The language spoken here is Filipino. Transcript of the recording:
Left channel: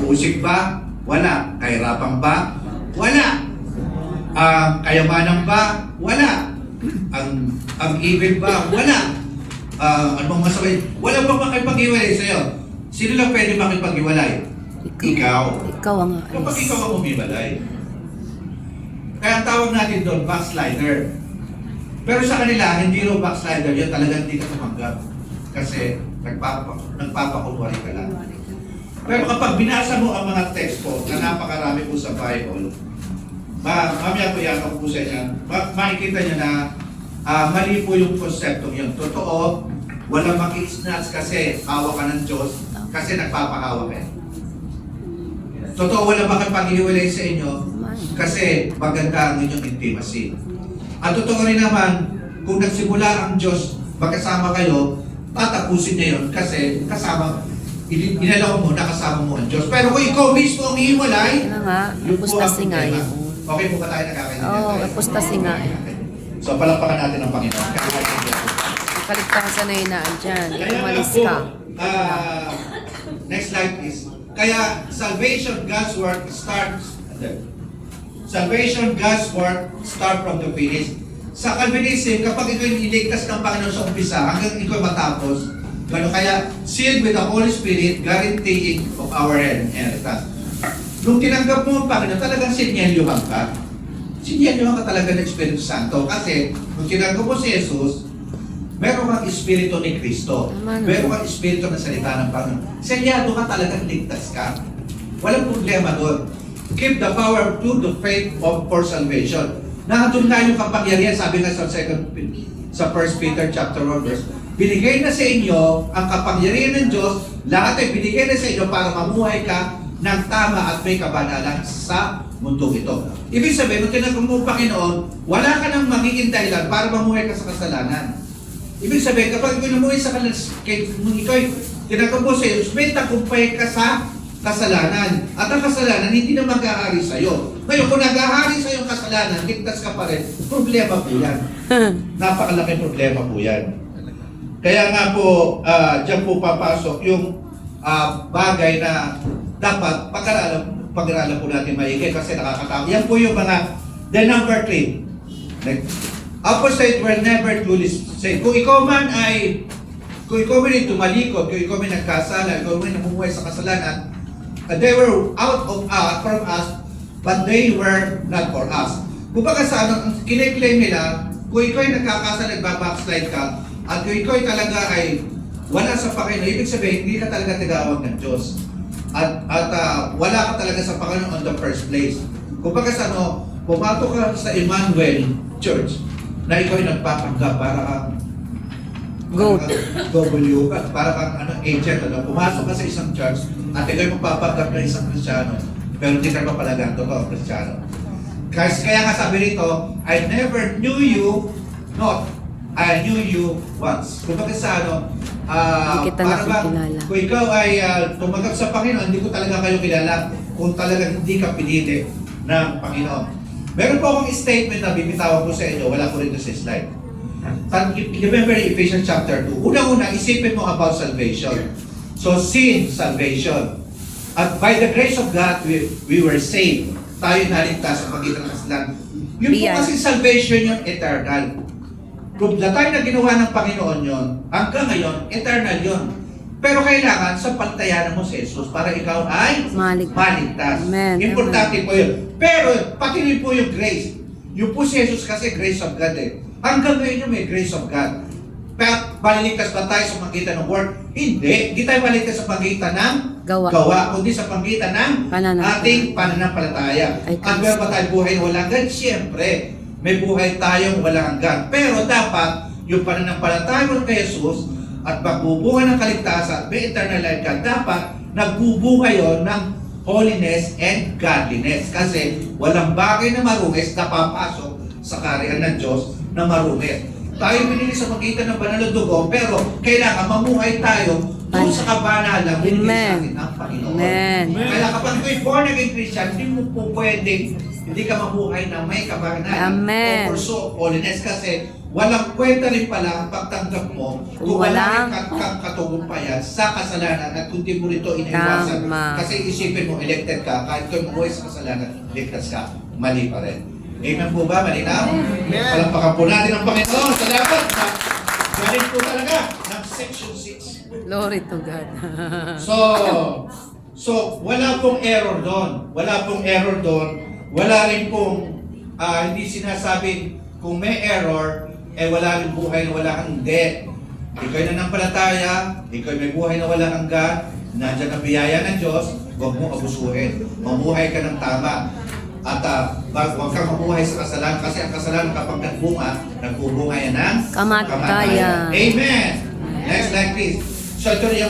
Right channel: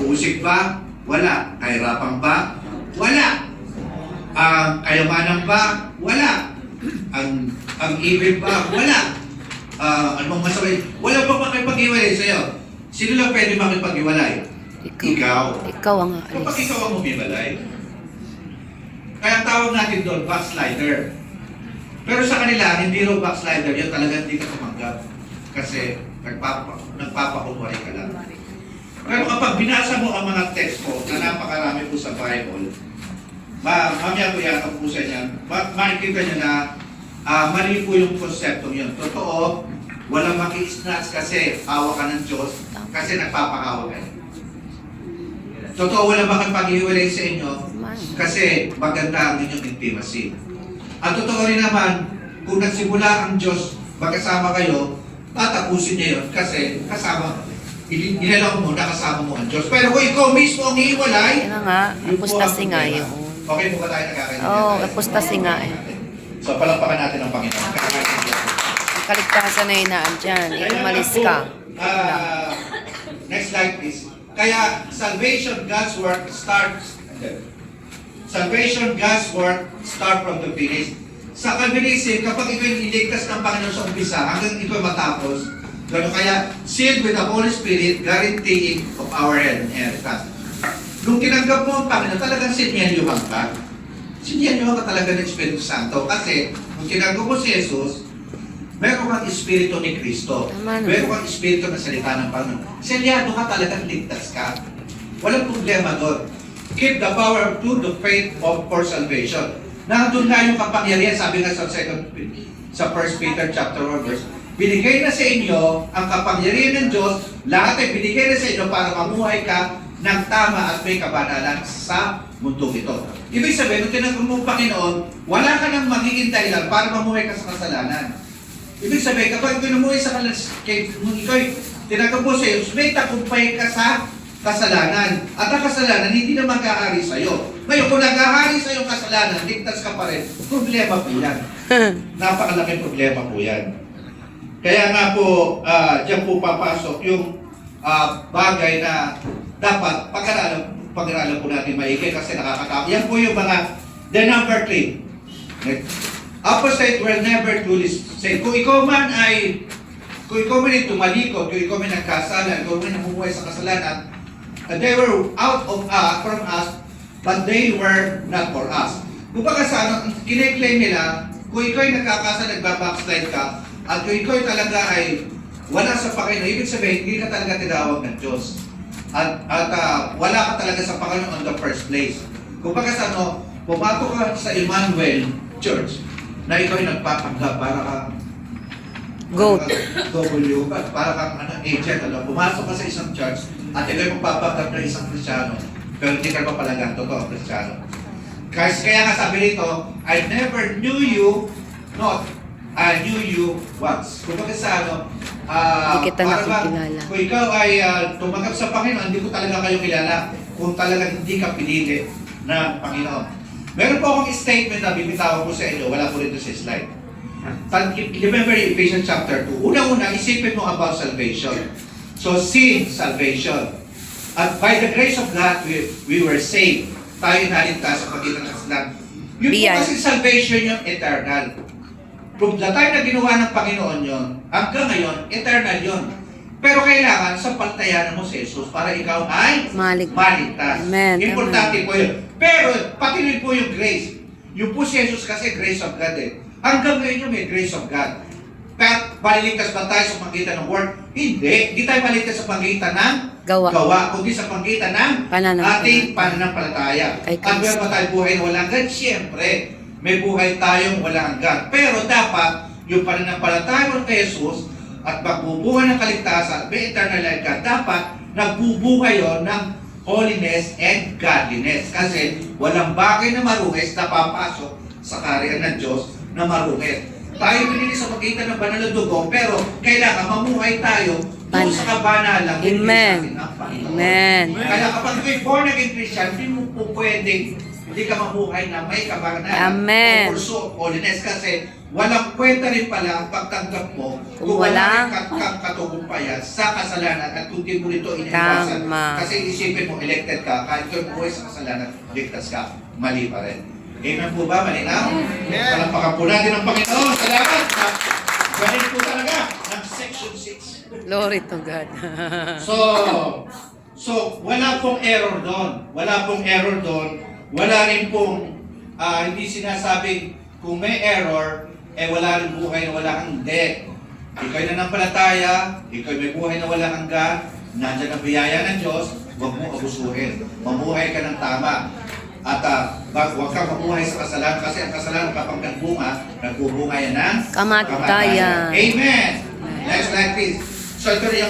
Pag-uusig ba? Wala. Kahirapan ba? Wala. Kayamanan ba? Wala. Ang ibig ba? Wala. Anong masawin? Wala pa makipag-iwalay sa'yo. Sino lang pwede makipag-iwalay? Ikaw. Ikaw ang aalis. Kapag ikaw ang umiwalay. Kaya ang tawag natin doon, backslider. Pero sa kanila, hindi rin backslider yun. Talagang hindi ka tumanggap. Kasi nagpapakunwari ka lang. Pero kapag binasa mo ang mga text po na napakarami po sa Bible, mamaya po yan po sa inyo, makikita nyo na mali po yung konseptong yun. Totoo, wala maki-snatch kasi hawa ka ng Diyos kasi nagpapahawa ka. Totoo, wala makipag-iwalay sa inyo kasi maganda ang inyong intimacy. At totoo rin naman, kung nagsimula ang Diyos, magkasama kayo, tatapusin niya yun kasi kasama, inalaw mo, nakasama mo ang Diyos. Pero kung ikaw mismo ang iiwalay, Ano nga, apostasi nga yun. Okay po ba tayo nagkakaintindihan? Oo, apostasi nga. So, palakpakan natin ang Panginoon. Ang kaligtasan na hinaan dyan. Umalis ka. Next slide please. Kaya salvation, God's work starts. Salvation, God's work start from the finish. Sa Calvinism, kapag ikaw yung iligtas ng Panginoon sa umpisa, hanggang ikaw matapos, gano'n kaya sealed with the Holy Spirit, guaranteeing of our inheritance. Nung tinanggap mo ang Panginoon, talagang sinyalyuhan ka. Sinyalyuhan ka talaga ng Espiritu Santo. Kasi nung tinanggap mo si Jesus, meron kang Espiritu ni Kristo. Meron kang Espiritu na salita ng Panginoon. Selyado ka talagang ligtas ka. Walang problema doon. Keep the power to the faith for salvation. Nandun nga yung kapangyarihan, sabi nga sa 1 Peter chapter 1 verse, binigay na sa inyo ang kapangyarihan ng Diyos, lahat ay binigay na sa inyo para mamuhay ka ng tama at may kabanalan sa mundong ito. Ibig sabihin, nung tinanggap mo ang Panginoon, wala ka nang magiging dahilan para mamuhay ka sa kasalanan. Ibig sabihin, kapag namuhay sa kasalanan, nung ikaw tinanggap mo sa iyo, may tagumpay ka sa kasalanan. At ang kasalanan, hindi na mag-aari sa iyo. Ngayon, kung nag-aari sa iyo kasalanan, ligtas ka pa rin, problema po yan. Napakalaking problema po yan. Kaya nga po, dyan po papasok yung bagay na dapat pag-aralan po natin maigi kasi nakakatakot. Yan po yung mga, the number 3. Apostate were never truly saved. Kung ikaw man ay tumalikod, kung ikaw man nagkasala, ikaw man namumuhay sa kasalanan, they were out of from us, but they were not for us. Kung baka sa ano, kiniklaim nila, kung ikaw ay nagkakasala, nagbabackslide ka, at kung ikaw ay talaga ay wala sa Panginoon, ibig sabihin, hindi ka talaga tinawag ng Diyos. At wala ka talaga sa Panginoon on the first place. Kung baka sa ano, pumato ka sa Emmanuel Church, na ikaw ay nagpapanggap para kang Goat. W, para kang agent, pumasok ka sa isang church at ikaw ay magpapanggap ng isang Kristiyano, pero hindi ka pa palagang totoo Kristiyano. Kaya nga sabi rito, I never knew you, not I knew you once. Kung bakit sa hindi kita nakikilala. Kung ikaw ay tumanggap sa Panginoon, hindi ko talaga kayo kilala kung talaga hindi ka pinili ng Panginoon. Meron po akong statement na bibitawan ko sa inyo, wala ko rin sa slide. Remember Ephesians chapter 2. Una-una, isipin mo about salvation. So, seeing salvation. At by the grace of God, we were saved. Tayo naligtas sa pagitan ng kasalanan. Yun po kasi salvation yun, eternal. Kung the time na ginawa ng Panginoon yun, hanggang ngayon, eternal yun. Pero kailangan sa pantayanan mo si Jesus para ikaw ay maligtas. Importante po yun. Pero pati rin po yung grace. Yung po si Jesus kasi grace of God eh. Hanggang ngayon yung may grace of God. Pero maligtas ba tayo sa pagitan ng word? Hindi. Hindi tayo maligtas sa pagitan ng gawa. Kundi sa pagitan ng ating pananampalataya. At meron ba tayo buhay na walang hanggan? Siyempre. May buhay tayong walang hanggan. Pero dapat, yung pananampalataya mo kay Jesus at magbubuhay ng kaligtasan, may eternal life ka, dapat nagbubuhay yon ng holiness and godliness. Kasi walang bagay na marungis na papasok sa kaharian ng Diyos na marungis. Tayo binili sa pagitan ng banal na dugo, pero kailangan mamuhay tayo doon sa kabanalang hindi sa atin ng Panginoon. Kaya kapag ikaw born again Christian, hindi mo po pwedeng hindi ka mabuhay na may kabanalan o pursuit of holiness kasi walang kwenta rin pala ang pagtanggap mo Kung wala kang katugumpayan sa kasalanan at kung di mo ito iniwasan. Tama. Kasi isipin mo, elected ka, kahit ikaw buhay sa kasalanan, ligtas ka, mali pa rin. Amen po ba? Malinaw? Palampakan po natin ang Panginoon. Salamat sa galing po talaga ng section 6. Glory to God. So, wala pong error doon. Wala pong error doon. Wala rin pong hindi sinasabing kung may error, wala rin buhay na wala hanggan. Ikaw'y nanampalataya, ikaw'y may buhay na wala hanggan, nandyan ang biyaya ng Diyos, huwag mo abusuhin. Mamuhay ka ng tama. At huwag kang mamuhay sa kasalanan kasi ang kasalanan kapag nagbunga yan ng Kamatayan. Amen. Next like this. So ito na yung